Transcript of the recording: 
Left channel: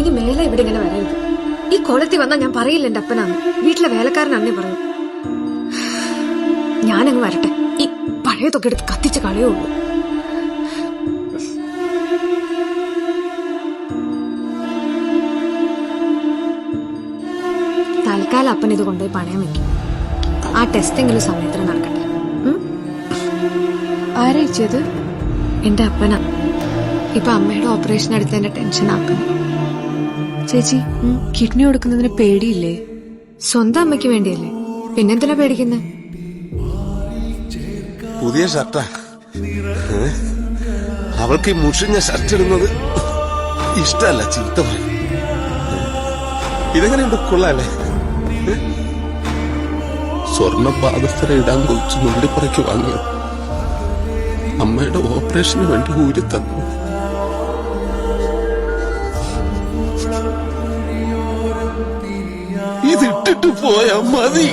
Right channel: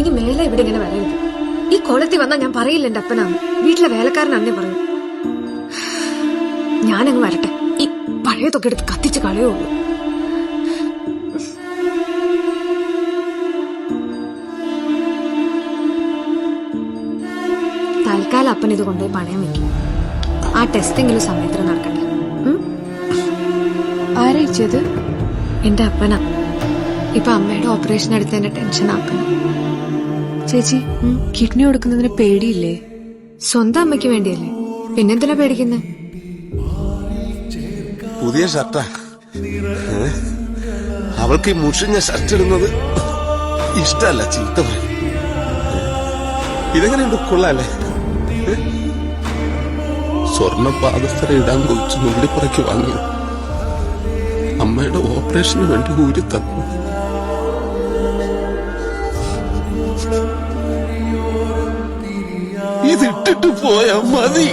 ഇനി മേലെ ഇവിടെ ഇങ്ങനെ വരരുത്. ഈ കോലത്തിൽ വന്നാൽ ഞാൻ പറയില്ല എന്റെ അപ്പനാന്ന്. വീട്ടിലെ വേലക്കാരനന്നേ പറയൂ. ഞാനങ്ങ് വരട്ടെ. ഈ പഴയതൊക്കെ എടുത്ത് കത്തിച്ച് കളയുള്ളൂ. തൽക്കാലം അപ്പൻ ഇത് കൊണ്ടുപോയി പണയം വെക്കും. ആ ടെസ്റ്റെങ്കിലും സമയത്തിന് നടക്കട്ടെ. ആരായിച്ചത്? എന്റെ അപ്പനാ. ഇപ്പൊ അമ്മയുടെ ഓപ്പറേഷൻ എടുത്തതിന്റെ ടെൻഷൻ ആക്കുന്നു. ചേച്ചി, കിഡ്നി കൊടുക്കുന്നതിന് പേടിയില്ലേ? സ്വന്തം അമ്മയ്ക്ക് വേണ്ടിയല്ലേ, പിന്നെന്തിനാ പേടിക്കുന്നേ? പുതിയ ഷർട്ടാ. അവൾക്ക് ഈ മുഷിഞ്ഞ ഷർട്ട് ഇടുന്നത് ഇഷ്ടല്ല, ചീത്ത പറയും. ഇതെങ്ങനെയുണ്ട്, കൊള്ളാല്ലേ? സ്വർണ്ണ പാദസ്ഥര ഇടാൻ കൊച്ചു നുള്ളിപ്പറയ്ക്ക് വാങ്ങിയത് അമ്മയുടെ ഓപ്പറേഷന് വേണ്ടി ഊരി തന്നു. ഇതിട്ടിട്ട് പോയാ മതി.